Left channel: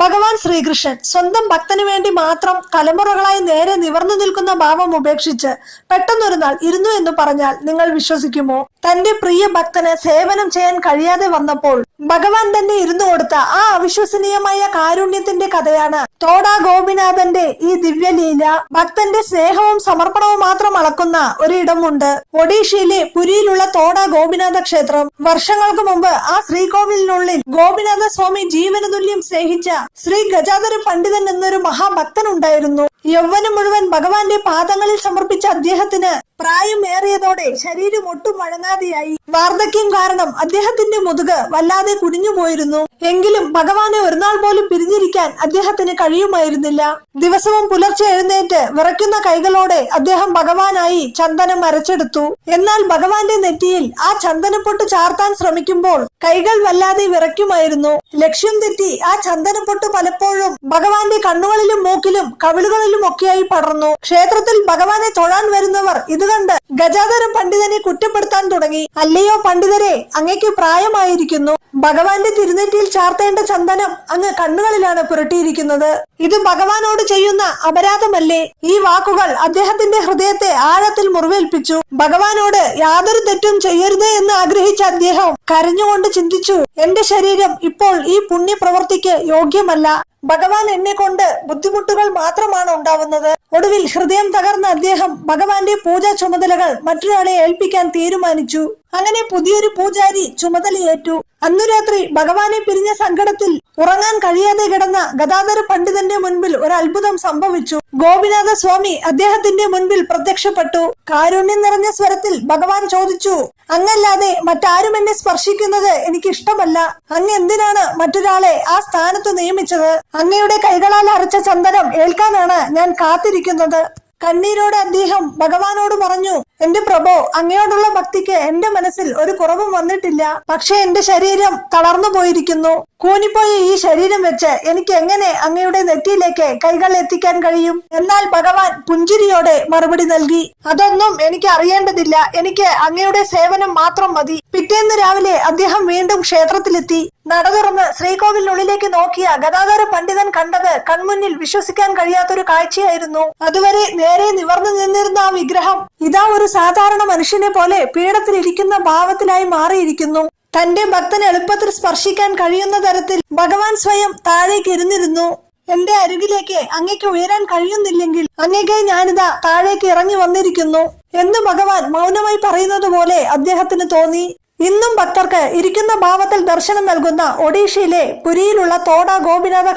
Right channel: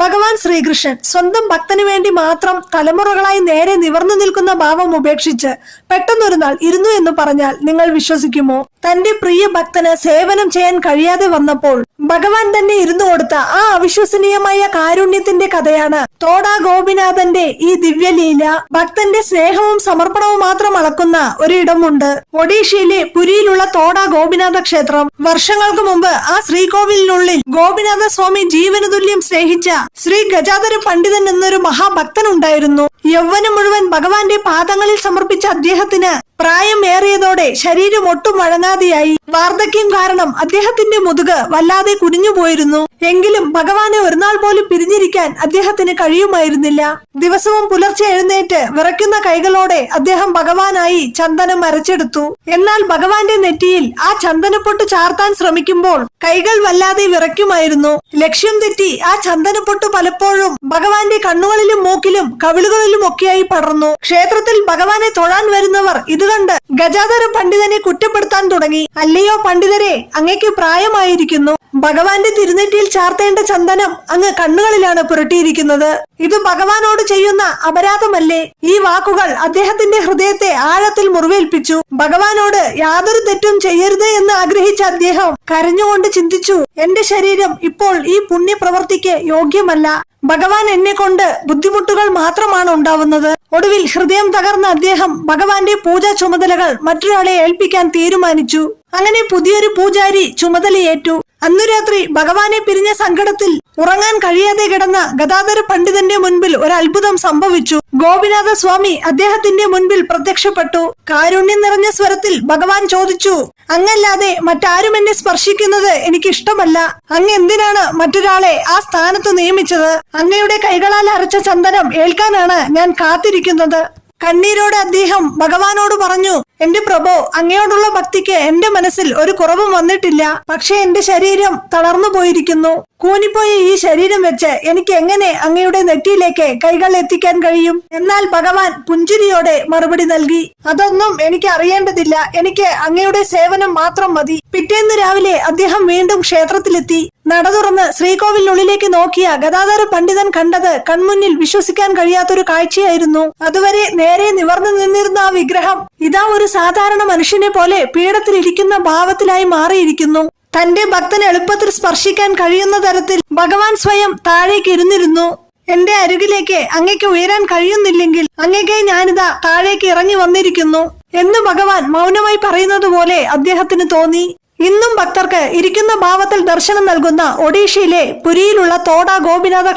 ഭഗവാൻ ശ്രീകൃഷ്ണൻ സ്വന്തം ഭക്തന് വേണ്ടി മാത്രം തലമുറകളായി നേരെ നിവർന്നു നിൽക്കുന്ന ഭാവം ഉപേക്ഷിച്ച് പെട്ടെന്നൊരു നാൾ ഇരുന്നു എന്ന് പറഞ്ഞാൽ നിങ്ങൾ വിശ്വസിക്കുമോ? തന്റെ പ്രിയ ഭക്തന് സേവനം ചെയ്യാൻ കഴിയാതെ വന്നപ്പോൾ ഭഗവാൻ തന്നെ ഇരുന്നു കൊടുത്ത ആ അവിശ്വസനീയമായ കാരുണ്യത്തിന്റെ കഥയാണ് തോടാ ഗോപിനാഥന്റെ ഈ ദിവ്യലീല. ഭക്തന്റെ സ്നേഹവും സമർപ്പണവും മാത്രം അളക്കുന്ന ഒരിടമുണ്ട്. ഒഡീഷയിലെ പുരിയിലുള്ള തോടാ ഗോപിനാഥ ക്ഷേത്രം. വർഷങ്ങൾക്ക് മുമ്പ് ആ ശ്രീകോവിലിനുള്ളിൽ ഗോപിനാഥ സ്വാമി ജീവന് തുല്യം സ്നേഹിച്ച ശ്രീ ഗജാധര പണ്ഡിതൻ എന്നൊരു മഹാഭക്തനുണ്ടായിരുന്നു. യൗവനം മുഴുവൻ ഭഗവാന്റെ പാദങ്ങളിൽ സമർപ്പിച്ച അദ്ദേഹത്തിന് പ്രായമേറിയതോടെ ശരീരം ഒട്ടും വഴങ്ങാതെയായി. വാർദ്ധക്യം കാരണം അദ്ദേഹത്തിന്റെ മുതുക് വല്ലാതെ കുനിഞ്ഞുപോയിരുന്നു. എങ്കിലും ഭഗവാനെ ഒരു നാൾ പോലും പിരിഞ്ഞിരിക്കാൻ അദ്ദേഹത്തിന് കഴിയുമായിരുന്നില്ല. ദിവസവും പുലർച്ചെ എഴുന്നേറ്റ് വിറയ്ക്കുന്ന കൈകളോടെ അദ്ദേഹം ഭഗവാനായി ചന്ദനം അരച്ചെടുത്തു. എന്നാൽ ഭഗവാന്റെ നെറ്റിയിൽ ആ ചന്ദനപ്പൊട്ട് ചാർത്താൻ ശ്രമിക്കുമ്പോൾ കൈകൾ വല്ലാതെ വിറയ്ക്കുമായിരുന്നു. ലക്ഷ്യം തെറ്റി ആ ചന്ദനപ്പൊട്ട് പലപ്പോഴും ഭഗവാന്റെ കണ്ണുകളിലും മൂക്കിലും കവിളുകളിലും ഒക്കെയായി പടർന്നു. ക്ഷേത്രത്തിൽ ഭഗവാനെ തൊഴാൻ വരുന്നവർ ഇത് കണ്ട് ഗജാധര പണ്ഡിതനെ കുറ്റപ്പെടുത്താൻ തുടങ്ങി. അല്ലയോ പണ്ഡിതരെ, അങ്ങേക്ക് പ്രായമായിരിക്കുന്നു. ഭഗവാന്റെ തിരുനെറ്റിയിൽ ചാർത്തേണ്ട ചന്ദനം അങ്ങ് കണ്ണുകളിലാണ് പുരട്ടിയിരിക്കുന്നത്. ഇത് ഭഗവാനോട് ചെയ്യുന്ന അപരാധമല്ലേ? ഈ വാക്കുകൾ അദ്ദേഹത്തിന്റെ ഹൃദയത്തെ ആഴത്തിൽ മുറിവേൽപ്പിച്ചു. ഭഗവാനോട് യാതൊരു തെറ്റും ചെയ്യരുത് എന്ന് ആഗ്രഹിച്ച അദ്ദേഹം കരഞ്ഞുകൊണ്ട് ചിന്തിച്ചു, എന്റെ ശരീരം ഇപ്പോൾ ഈ പുണ്യപ്രവൃത്തിക്ക് യോഗ്യമല്ല. ഭഗവാൻ എന്നെ കൊണ്ട് ബുദ്ധിമുട്ടുകൾ മാത്രമാണ് ഉണ്ടാവുന്നത്. ഒടുവിൽ ഹൃദയം തകർന്ന അദ്ദേഹം ഭഗവാന്റെ പൂജാ ചുമതലകൾ മറ്റൊരാളെ ഏൽപ്പിക്കാൻ തീരുമാനിച്ചു. അങ്ങനെ പുതിയൊരു പൂജാരി ചുമതലയേറ്റു. അന്നു രാത്രി ഭഗവാനെ പിരിഞ്ഞ സങ്കടത്തിൽ ഉറങ്ങാൻ കഴിയാതെ കിടന്ന ഗദാധര പണ്ഡിതന്റെ മുൻപിൽ ഒരു അത്ഭുതം സംഭവിച്ചു. ഗോപിനാഥ സ്വാമി അദ്ദേഹത്തിന്റെ മുൻപിൽ പ്രത്യക്ഷപ്പെട്ടു. കാരുണ്യം നിറഞ്ഞ സ്വരത്തിൽ ഭഗവാൻ ചോദിച്ചു, അങ്ങല്ലാതെ മറ്റാരും എന്നെ സ്പർശിക്കുന്നത് എനിക്കിഷ്ടമല്ല. അങ്ങ് എന്തിനാണ് മറ്റൊരാളെ ആ സ്ഥാനത്ത് നിയമിച്ചത്? അങ്ങയുടെ കൈകളാൽ അരച്ച ചന്ദനം ഏൽക്കാനാണ് ഞാൻ കാത്തിരിക്കുന്നത്. കണ്ണീരോടെ അദ്ദേഹം ഭഗവാനോട് പറഞ്ഞു, എന്റെ പ്രഭോ, അങ്ങയോടുള്ള ഭക്തിക്ക് എന്റെ മനസ്സിൽ ഒരു കുറവും വന്നിട്ടില്ല. പക്ഷെ എന്റെ ശരീരം തളർന്നു പോയിരിക്കുന്നു. കൂനിപ്പോയ ഈ ശരീരം വെച്ച് എനിക്ക് എങ്ങനെ അങ്ങയുടെ നെറ്റിയിലേക്ക് കൈകൾ എത്തിക്കാൻ കഴിയും? എന്നാൽ ഭഗവാൻ പുഞ്ചിരിയോടെ മറുപടി നൽകി, അതൊന്നും എനിക്ക് അറിയേണ്ടതില്ല. എനിക്ക് അങ്ങയുടെ സേവനം മാത്രം മതി. പിറ്റേന്ന് രാവിലെ അദ്ദേഹം വീണ്ടും ക്ഷേത്രത്തിലെത്തി. നട തുറന്ന് ശ്രീകോവിലിനുള്ളിലേക്ക് നോക്കിയ ഗദാധര പണ്ഡിതൻ കണ്ടത് കൺമുന്നിൽ വിശ്വസിക്കാൻ കഴിയാത്തൊരു കാഴ്ചയായിരുന്നു. അതുവരെ നേരെ നിവർന്നു നിന്നിരുന്ന ആ വിഗ്രഹം ഇതാ ഒരു സാധാരണ മനുഷ്യനെ പോലെ പീഠത്തിലിരിക്കുന്ന ഭാവത്തിലായി മാറിയിരിക്കുന്നു. തന്റെ ഭക്തനെ എളുപ്പത്തിൽ സ്പർശിക്കാൻ കഴിയുന്ന തരത്തിൽ ഭഗവാൻ സ്വയം താഴേക്ക് ഇരുന്നിരുന്നു. എന്റെ അരികിലേക്ക് അങ്ങേക്ക് ഉയരാൻ കഴിയുന്നില്ലെങ്കിൽ അങ്ങേക്കായി ഞാനിതാ താഴേക്ക് ഇറങ്ങി വന്നിരിക്കുന്നു എന്ന് ഭഗവാൻ മൗനമായി പറയുന്നത് പോലെ അദ്ദേഹത്തിന് തോന്നി. ഇന്നും ഭക്തർക്ക് ഇരിക്കുന്ന ഭാവത്തിൽ ദർശനം നൽകുന്ന ഒഡീഷയിലെ പുരിയിലുള്ള തോടാ ഗോപിനാഥ